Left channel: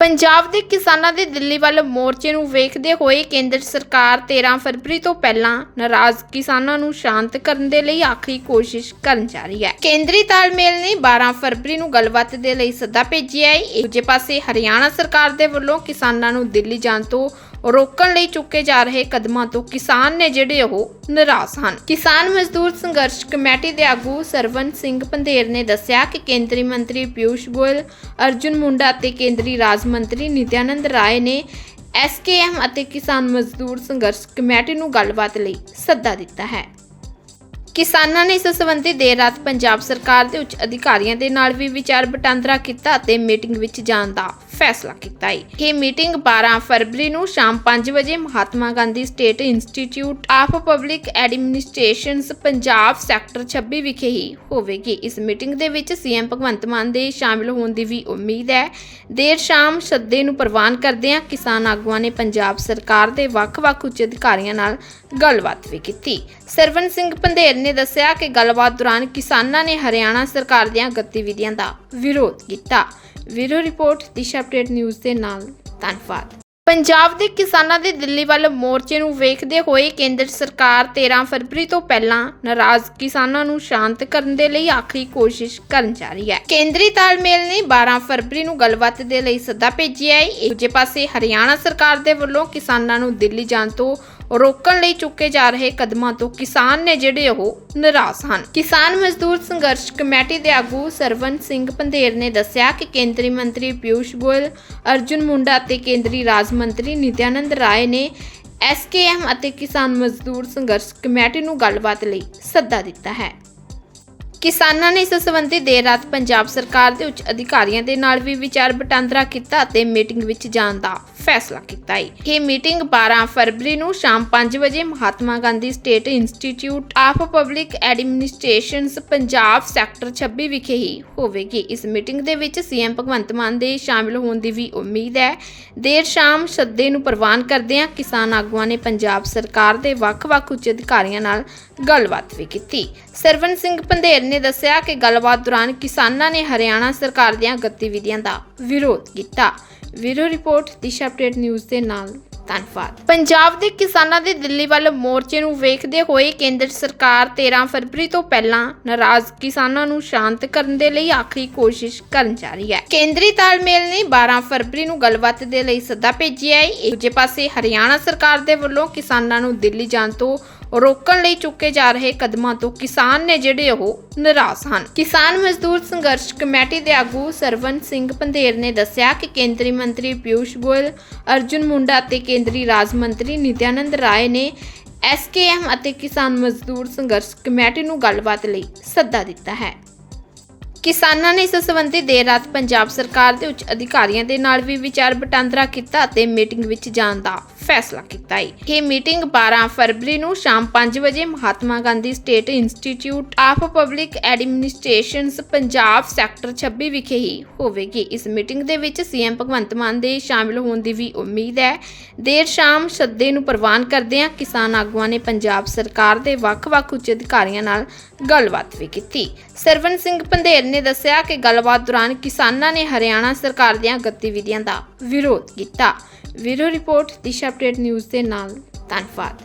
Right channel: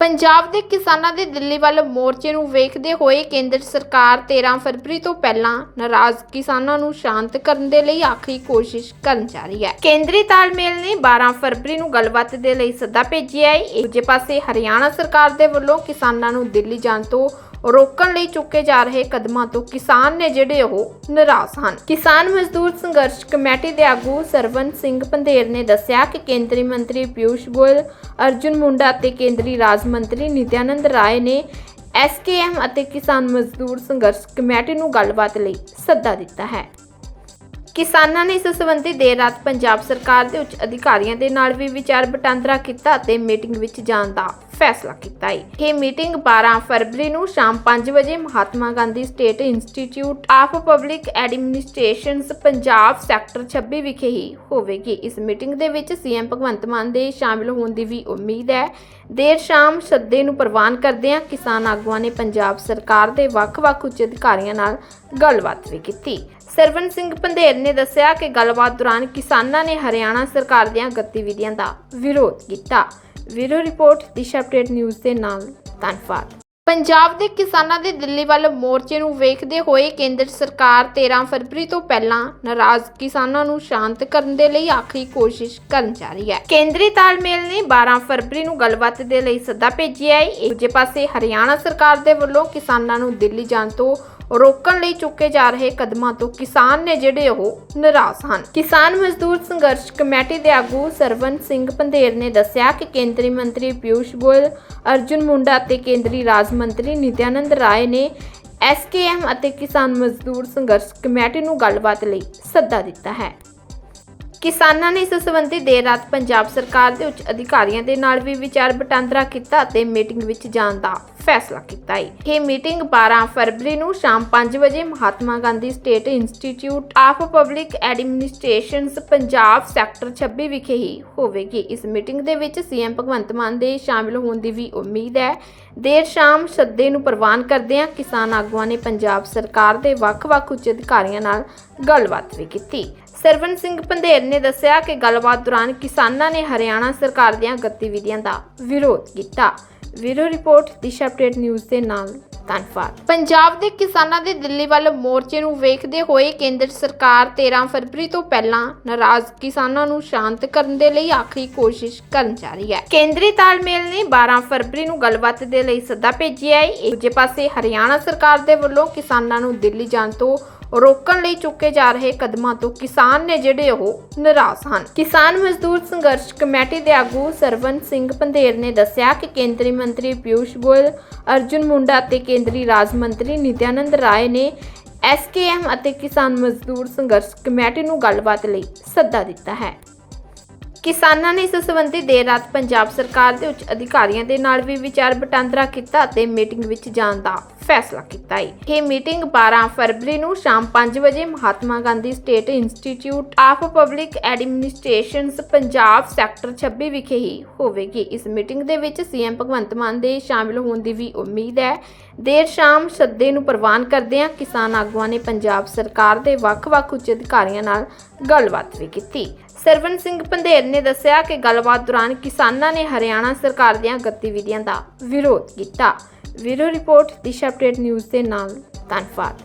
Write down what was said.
ਪੰਜਾਬ ਦੇ ਕਿਸਾਨਾਂ ਦੇ ਦਿੱਲੀ ਵੱਲ ਮੋਰਚੇ ਨੂੰ ਵੇਖਦੇ ਹੋਏ ਕੇਂਦਰ ਸਰਕਾਰ 13 ਫਰਵਰੀ ਤੋਂ ਪਹਿਲਾਂ ਨਾਰਾਜ਼ ਕਿਸਾਨਾਂ ਨੂੰ ਸ਼ਾਂਤ ਕਰਨ ਦੇ ਲਈ ਆਖਰੀ ਕੋਸ਼ਿਸ਼ ਕਰਨ ਜਾ ਰਹੀ ਹੈ। ਕੇਂਦਰੀ ਤਾਲਮੇਲ ਨੇ 12 ਫਰਵਰੀ ਨੂੰ ਗੱਲਬਾਤ ਦੇ ਲਈ ਸੱਦਾ ਭੇਜਿਆ ਹੈ। ਦੂਜੇ ਪਾਸੇ ਹਰਿਆਣਾ ਸਰਕਾਰ ਦੇ ਵੱਲੋਂ ਕਿਸਾਨਾਂ ਨੂੰ ਦਿੱਲੀ ਜਾਣ ਤੋਂ ਰੋਕਣ ਲਈ ਚੁੱਕੇ ਜਾ ਰਹੇ ਕਦਮਾਂ ਤੋਂ ਕਿਸਾਨ ਨੇ ਜਿਹੜੇ ਉਹ ਨਿਰਾਸ਼ ਹਨ। ਕਿਸਾਨ ਮਜ਼ਦੂਰ ਸੰਘਰਸ਼ ਕਮੇਟੀ ਦੇ ਆਗੂ ਸਰਵਨ ਸਿੰਘ ਪੰਧੇਰ ਨੇ ਦੱਸਿਆ ਕਿ ਕੇਂਦਰੀ ਮੰਤਰੀ ਪਿਊਸ਼ ਗੋਇਲ, ਅਰਜੁਨ ਮੁੰਡਾ ਅਤੇ ਕੇਂਦਰੀ ਰਾਜ ਮੰਤਰੀ ਨਿਤਿਆਨੰਦ ਰਾਏ ਨੇ ਐਸਕੇਐਮ ਅਤੇ ਕਿਸਾਨ ਮਜ਼ਦੂਰ ਸੰਘਰਸ਼ ਕਮੇਟੀ ਨੂੰ ਗੱਲਬਾਤ ਲਈ ਸੱਦਾ ਦਿੱਤਾ ਹੈ। ਕਿਸਾਨਾਂ ਨੇ ਇਸ ਸੰਬੰਧੀ ਦੇਰ ਰਾਤ ਪੰਜਾਬ ਸਰਕਾਰ ਦੇ ਉੱਚ ਅਧਿਕਾਰੀਆਂ ਦੇ ਨਾਲ ਵੀ ਵਿਚਾਰ ਵਟਾਂਦਰਾ ਕੀਤਾ ਅਤੇ ਮੀਟਿੰਗ ਵਿੱਚ ਜਾਣ ਦਾ ਫੈਸਲਾ ਕੀਤਾ ਹੈ। ਇਹ ਮੀਟਿੰਗ 12 ਫਰਵਰੀ ਨੂੰ ਸ਼ਾਮ 5 ਵਜੇ Mahatma Gandhi state institute of public administrations Punjab sector 26 ਵਿਖੇ ਹੀ ਹੋਵੇਗੀ। ਇਸ ਮੀਟਿੰਗ ਦੇ ਵਿੱਚ ਸੀਐਮ ਭਗਵੰਤ ਮਾਨ ਦੇ ਸ਼ਾਮਿਲ ਹੋਣ ਦੀ ਵੀ ਉਮੀਦ ਹੈ। ਦੇਰ ਸ਼ਾਮ ਸੱਦੇ ਨੂੰ ਪ੍ਰਵਾਨ ਕਰਦਿਆਂ ਕਿਸਾਨ ਆਗੂਆਂ ਨੇ ਪੰਜਾਬ ਸਰਕਾਰ ਦੇ ਵੱਖ-ਵੱਖ ਉੱਚ ਅਧਿਕਾਰੀਆਂ ਨਾਲ ਗੱਲਬਾਤ ਵੀ ਕੀਤੀ। ਸਰਵਨ ਸਿੰਘ ਪੰਧੇਰ ਨੇ ਦੱਸਿਆ ਕਿ ਗੱਲਬਾਤ ਦੌਰਾਨ ਕਿਸਾਨਾਂ ਨੇ ਹਰਿਆਣਾ ਸਰਕਾਰ ਦੀਆਂ ਗਤੀਵਿਧੀਆਂ ਦਾ ਵਿਰੋਧ ਕੀਤਾ। ਵੀਰੋ ਰਿਪੋਰਟ, ਦਿਸ਼ਾ ਅਪਡੇਟ ਨਿਊਜ਼ ਦੇ ਨਾਲ ਧੰਨਵਾਦ। ਪੰਜਾਬ ਦੇ ਕਿਸਾਨਾਂ ਦੇ ਦਿੱਲੀ ਵੱਲ ਮੋਰਚੇ ਨੂੰ ਵੇਖਦੇ ਹੋਏ ਕੇਂਦਰ ਸਰਕਾਰ 13 ਫਰਵਰੀ ਤੋਂ ਪਹਿਲਾਂ ਨਾਰਾਜ਼ ਕਿਸਾਨਾਂ ਨੂੰ ਸ਼ਾਂਤ ਕਰਨ ਦੇ ਲਈ ਆਖਰੀ ਕੋਸ਼ਿਸ਼ ਕਰਨ ਜਾ ਰਹੀ ਹੈ। ਕੇਂਦਰੀ ਤਾਲਮੇਲ ਨੇ 12 ਫਰਵਰੀ ਨੂੰ ਗੱਲਬਾਤ ਦੇ ਲਈ ਸੱਦਾ ਭੇਜਿਆ ਹੈ। ਇੱਕ ਪਾਸੇ ਹਰਿਆਣਾ ਸਰਕਾਰ ਦੇ ਵੱਲੋਂ ਕਿਸਾਨਾਂ ਨੂੰ ਦਿੱਲੀ ਜਾਣ ਤੋਂ ਰੋਕਣ ਲਈ ਚੁੱਕੇ ਜਾ ਰਹੇ ਕਦਮਾਂ ਤੋਂ ਕਿਸਾਨ ਨੇ ਜਿਹੜੇ ਉਹ ਨਿਰਾਸ਼ ਹਨ। ਕਿਸਾਨ ਮਜ਼ਦੂਰ ਸੰਘਰਸ਼ ਕਮੇਟੀ ਦੇ ਆਗੂ ਸਰਵਨ ਸਿੰਘ ਪੰਧੇਰ ਨੇ ਦੱਸਿਆ ਕਿ ਕੇਂਦਰੀ ਮੰਤਰੀ ਪਿਊਸ਼ ਗੋਇਲ, ਅਰਜੁਨ ਮੁੰਡਾ ਅਤੇ ਕੇਂਦਰੀ ਰਾਜ ਮੰਤਰੀ ਨਿਤਿਆਨੰਦ ਰਾਏ ਨੇ ਐਸਕੇਐਮ ਅਤੇ ਕਿਸਾਨ ਮਜ਼ਦੂਰ ਸੰਘਰਸ਼ ਕਮੇਟੀ ਨੂੰ ਗੱਲਬਾਤ ਲਈ ਸੱਦਾ ਦਿੱਤਾ ਹੈ। ਕਿਸਾਨਾਂ ਨੇ ਇਸ ਸੰਬੰਧੀ ਦੇਰ ਰਾਤ ਪੰਜਾਬ ਸਰਕਾਰ ਦੇ ਉੱਚ ਅਧਿਕਾਰੀਆਂ ਦੇ ਨਾਲ ਵੀ ਵਿਚਾਰ ਵਟਾਂਦਰਾ ਕੀਤਾ ਅਤੇ ਮੀਟਿੰਗ ਵਿੱਚ ਜਾਣ ਦਾ ਫੈਸਲਾ ਕੀਤਾ ਹੈ ਇਹ ਮੀਟਿੰਗ 12 ਫਰਵਰੀ ਨੂੰ ਸ਼ਾਮ 5 ਵਜੇ Mahatma Gandhi state institute of public administrations Punjab sector 26 ਵਿਖੇ ਹੀ ਹੋਵੇਗੀ। ਇਸ ਮੀਟਿੰਗ ਦੇ ਵਿੱਚ ਸੀਐਮ ਭਗਵੰਤ ਮਾਨ ਦੇ ਸ਼ਾਮਿਲ ਹੋਣ ਦੀ ਵੀ ਉਮੀਦ ਹੈ। ਦੇਰ ਸ਼ਾਮ ਸੱਦੇ ਨੂੰ ਪ੍ਰਵਾਨ ਕਰਦਿਆਂ ਕਿਸਾਨ ਆਗੂਆਂ ਨੇ ਪੰਜਾਬ ਸਰਕਾਰ ਦੇ ਵੱਖ-ਵੱਖ ਉੱਚ ਅਧਿਕਾਰੀਆਂ ਨਾਲ ਗੱਲਬਾਤ ਵੀ ਕੀਤੀ। ਸਰਵਨ ਸਿੰਘ ਪੰਧੇਰ ਨੇ ਦੱਸਿਆ ਕਿ ਗੱਲਬਾਤ ਦੌਰਾਨ ਕਿਸਾਨਾਂ ਨੇ ਹਰਿਆਣਾ ਸਰਕਾਰ ਦੀਆਂ ਗਤੀਵਿਧੀਆਂ ਦਾ ਵਿਰੋਧ ਕੀਤਾ। Video report Disha update news ਦੇ ਨਾਲ। ਧੰਨਵਾਦ। ਪੰਜਾਬ ਦੇ ਕਿਸਾਨਾਂ ਦੇ ਦਿੱਲੀ ਵੱਲ ਮੋਰਚੇ ਨੂੰ ਵੇਖਦੇ ਹੋਏ ਕੇਂਦਰ ਸਰਕਾਰ 13 ਫਰਵਰੀ ਤੋਂ ਪਹਿਲਾਂ ਨਾਰਾਜ਼ ਕਿਸਾਨਾਂ ਨੂੰ ਸ਼ਾਂਤ ਕਰਨ ਦੇ ਲਈ ਆਖਰੀ ਕੋਸ਼ਿਸ਼ ਕਰਨ ਜਾ ਰਹੀ ਹੈ। ਕੇਂਦਰੀ ਤਾਲਮੇਲ ਨੇ 12 ਫਰਵਰੀ ਨੂੰ ਗੱਲਬਾਤ ਦੇ ਲਈ ਸੱਦਾ ਭੇਜਿਆ ਹੈ। ਇੱਕ ਦੂਜੇ ਪਾਸੇ ਹਰਿਆਣਾ ਸਰਕਾਰ ਦੇ ਵੱਲੋਂ ਕਿਸਾਨਾਂ ਨੂੰ ਦਿੱਲੀ ਜਾਣ ਤੋਂ ਰੋਕਣ ਲਈ ਚੁੱਕੇ ਜਾ ਰਹੇ ਕਦਮਾਂ ਤੋਂ ਕਿਸਾਨ ਨੇ ਜਿਹੜੇ ਉਹ ਨਿਰਾਸ਼ ਹਨ। ਕਿਸਾਨ ਮਜ਼ਦੂਰ ਸੰਘਰਸ਼ ਕਮੇਟੀ ਦੇ ਆਗੂ ਸਰਵਨ ਸਿੰਘ ਪੰਧੇਰ ਨੇ ਦੱਸਿਆ ਕਿ ਕੇਂਦਰੀ ਮੰਤਰੀ ਪਿਊਸ਼ ਗੋਇਲ, ਅਰਜੁਨ ਮੁੰਡਾ ਅਤੇ ਕੇਂਦਰੀ ਰਾਜ ਮੰਤਰੀ ਨਿਤਿਆਨੰਦ ਰਾਏ ਨੇ ਐਸਕੇਐਮ ਅਤੇ ਕਿਸਾਨ ਮਜ਼ਦੂਰ ਸੰਘਰਸ਼ ਕਮੇਟੀ ਨੂੰ ਗੱਲਬਾਤ ਲਈ ਸੱਦਾ ਦਿੱਤਾ ਹੈ। ਕਿਸਾਨਾਂ ਨੇ ਇਸ ਸੰਬੰਧੀ ਦੇਰ ਰਾਤ ਪੰਜਾਬ ਸਰਕਾਰ ਦੇ ਉੱਚ ਅਧਿਕਾਰੀਆਂ ਦੇ ਨਾਲ ਵੀ ਵਿਚਾਰ ਵਟਾਂਦਰਾ ਕੀਤਾ ਅਤੇ ਮੀਟਿੰਗ ਵਿੱਚ ਜਾਣ ਦਾ ਫੈਸਲਾ ਕੀਤਾ ਹੈ ਇਹ ਮੀਟਿੰਗ 12 ਫਰਵਰੀ ਨੂੰ ਸ਼ਾਮ 5 ਵਜੇ Mahatma Gandhi state institute of public administrations Punjab sector 26 ਵਿਖੇ ਹੀ ਹੋਵੇਗੀ। ਇਸ ਮੀਟਿੰਗ ਦੇ ਵਿੱਚ ਸੀਐਮ ਭਗਵੰਤ ਮਾਨ ਦੇ ਸ਼ਾਮਿਲ ਹੋਣ ਦੀ ਵੀ ਉਮੀਦ ਹੈ। ਦੇਰ ਸ਼ਾਮ ਸੱਦੇ ਨੂੰ ਪ੍ਰਵਾਨ ਕਰਦਿਆਂ ਕਿਸਾਨ ਆਗੂਆਂ ਨੇ ਪੰਜਾਬ ਸਰਕਾਰ ਦੇ ਵੱਖ-ਵੱਖ ਉੱਚ ਅਧਿਕਾਰੀਆਂ ਨਾਲ ਗੱਲਬਾਤ ਵੀ ਕੀਤੀ। ਸਰਵਨ ਸਿੰਘ ਪੰਧੇਰ ਨੇ ਦੱਸਿਆ ਕਿ ਗੱਲਬਾਤ ਦੌਰਾਨ ਕਿਸਾਨਾਂ ਨੇ ਹਰਿਆਣਾ ਸਰਕਾਰ ਦੀਆਂ ਗਤੀਵਿਧੀਆਂ ਦਾ ਵਿਰੋਧ ਕੀਤਾ। Video report Disha update news ਦੇ ਨਾਲ ਧੰਨਵਾਦ